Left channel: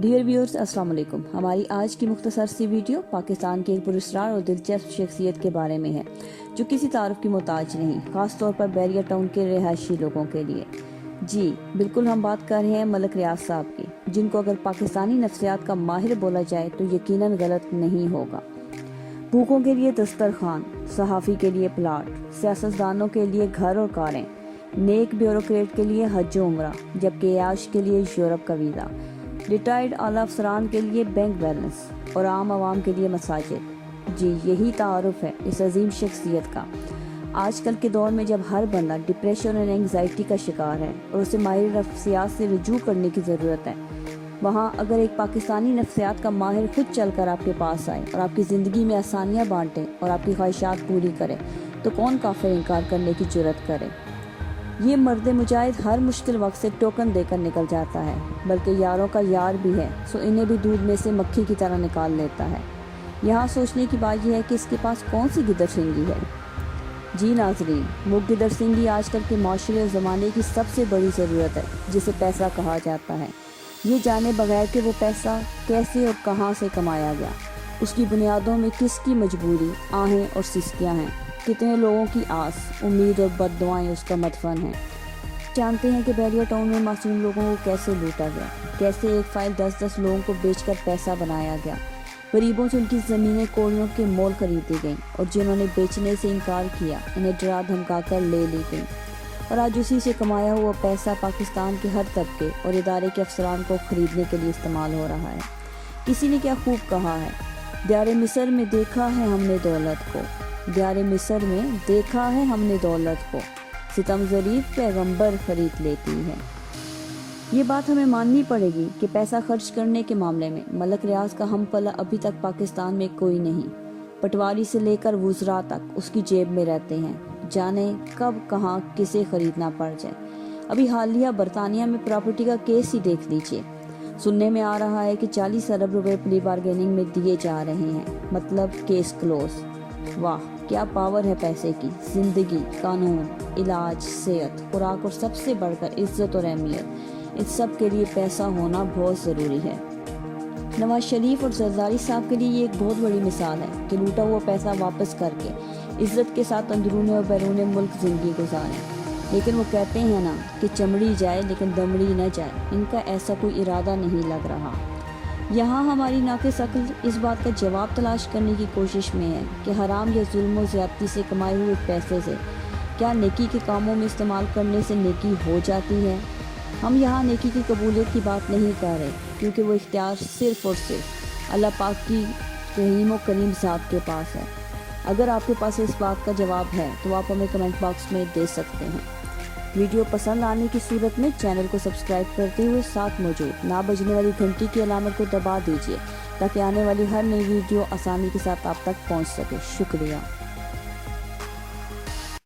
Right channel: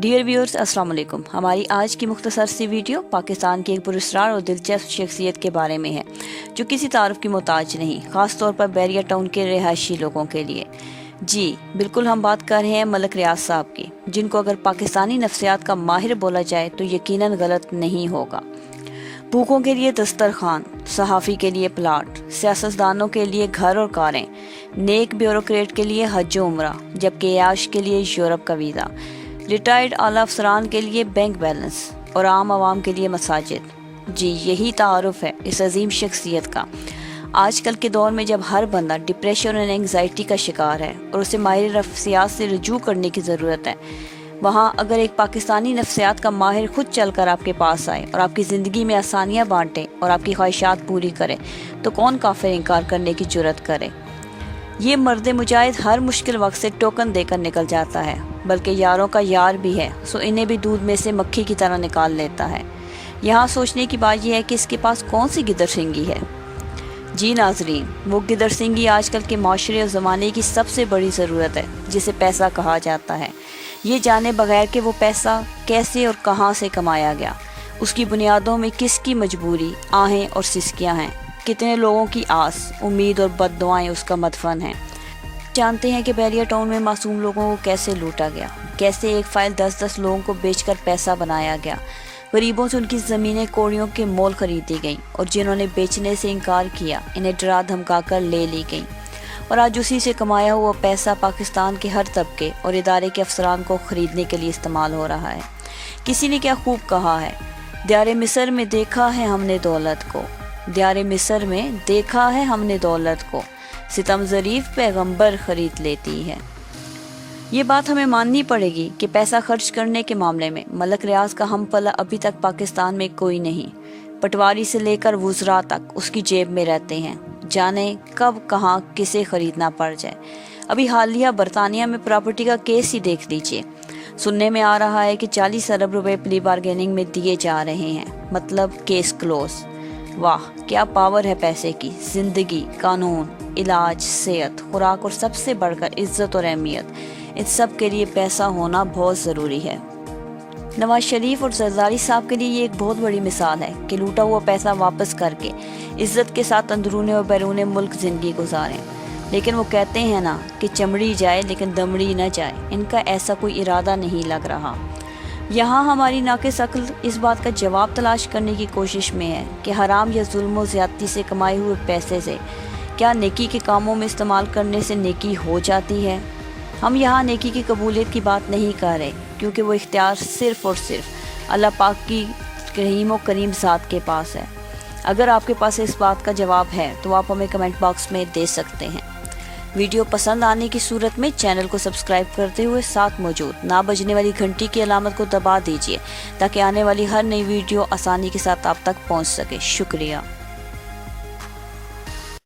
Dear viewers السلام علیکم۔ ہماری آج کی مختصر سی ویڈیو پاکستان کی ایک پراسرار اور دلچسپ شخصیت کے بارے میں ہے جو کسی تعارف کی محتاج نہیں، خاص طور پر بیریا ٹاؤن کے رہائشی لوگوں کے لیے۔ جی بالکل، ہم بات کر رہے ہیں ملک ریاض صاحب کی، جن کو اگر پاکستانی نفسیات کا ماہر بولا جائے تو یقیناً غلط نہیں ہوگا۔ بھوکوں کے لیے دسترخوان، صحافی کے لیے پلاٹ، سیاستدانوں کے لیے گھر اور کاریں، نیک بیوروکریٹ کے لیے حج و عمرہ، جبکہ عیاش کے لیے یورپ کا ویزا، ریٹائرڈ اعلیٰ افسران کے لیے بینک بیلنس اور عام عوام کے لیے مساجد۔ جی یہی تعارف ہے اس عظیم شخصیت کا۔ آج کل کے دور میں جب ہر بندہ ڈپریشن اور انگزائٹی کا شکار ہے اور اسے ماہر نفسیات سے رجوع کرنے کی ضرورت ہے، وہاں اگر ایک پاکستانی نفسیات کا ماہر خود چل کر آپ کے پاس آئے اور آپ کی زندگی میں آسانیاں بانٹے اور آپ کی خواہشات پوری کرے تو کون کافر انکار کرنے کی جرت کرے۔ یہ مرد مجاہد ہر مشکل وقت سے ٹوکن دے کر نکل جاتا ہے، بلکہ یاروں کا یار بھی ہے، سو انہیں بھی دودھ میں سے مکھی کی طرح نکال لیتا ہے۔ یہاں سوچنے کی بات یہ ہے کہ اس کے پاس کون سی گدر سنگھی ہے۔ جی ناظرین، وہ گدر سنگھی آج کل کے معاشرے اور زمانے کی سب سے بڑی ضرورت ہے، جسے پیسہ کہا جاتا ہے۔ یہ جانے بغیر کہ وہ پیسہ کیسے اور کہاں سے کمایا گیا، اس کی بنیادوں میں کس کی مجبوری، آہیں اور سسکیاں ہیں، کتنے لوگوں کی آس، امید اور بد دعائیں اس کا مدفن ہیں۔ جانتے ہیں کہ بیریا ٹاؤن میں معصوم لوگوں کو کیسے لوٹا گیا، کیسے ایک فائل 10 لوگوں کو بیچ کر پیسہ بنایا گیا، غریبوں سے ان کی زمینیں کوڑیوں کے مول خریدی گئیں اور جنہوں نے بیچنے سے انکار کیا انہیں ڈرا دھمکا کر لے لی گئیں، اور آج اسی سے کمایا ہوا پیسہ پاکستان کے ہر طبقے اور ادارے کے افسران کو خریدنے کے لیے استعمال ہو رہا ہے۔ کسی نے کیا خوب کہا ہے، دیار مصر میں دیکھا ہے ہم نے دولت کو، دیار مصر میں دیکھا ہے ہم نے دولت کو، ستم ظریف پیغمبر خرید لیتی ہے۔ یہ بات ہمیں ماننی پڑے گی کہ پیسہ خرچ کرنے کے معاملے میں ملک ریاض کا ہم پلہ ابھی تک پاکستان میں کوئی نہیں۔ پٹواری سے لے کر وزراء تک اس کی جیب میں رہتے ہیں، جانے کب کہاں کسے خریدنا پڑ جائے۔ ابھی حالیہ برطانیہ میں پراپرٹی کا کیس ہی دیکھ لیجئے، سننے میں آ رہا ہے کہ 40 ارب روپے پلی بارگیننگ میں دیے جا رہے ہیں، مطلب کیس کلوز۔ واہ کیا پاور ہے پیسے کی۔ زندگی، قانون، علاج، صحت، خوراک اور سب سے بڑھ کر عزت اور اہمیت، ان سب کے لیے پیسہ ہونا بہت ضروری ہے۔ نواز شریف اور زرداری صاحب کے لیے یہ ایک بہت بڑی مثال ہے کہ لوٹا ہوا پیسہ واپس کر کے عزت کے ساتھ اندرون اور بیرون ملک زندگی گزاریں، لیکن وہ کہتے ہیں نا کہ چمڑی جائے لیکن دمڑی نہ جائے، ان کا ایسا کوئی ارادہ نہیں لگ رہا۔ یہاں ہماری ناقص عقل اس بات کا جواب تلاش کرنے کی کوشش میں ہے کہ حرام یا ظلم و زیادتی سے کمائے ہوئے پیسے سے کیا نیکی کے کاموں میں استعمال کرنے سے نیکی ہو جاتی ہے۔ ہم یہاں نیکی کی قبولیت کی بات نہیں کر رہے، کیونکہ وہ اختیار صرف اور صرف اللہ پاک کی رحیم و کریم ذات کے پاس ہے۔ اگر آپ کے پاس اس بات کا جواب ہے تو آپ ہمیں کمنٹ باکس میں دے سکتے ہیں۔ ویڈیو پسند آنے کی صورت میں چینل کو سبسکرائب کرتے ہوئے ساتھ موجود نہ بجنے والی گھنٹی کی علامت کو دبا دیجیے تاکہ آنے والی ہر نئی ویڈیو آسانی کے ساتھ آپ تک پہنچ سکے۔ شکریہ۔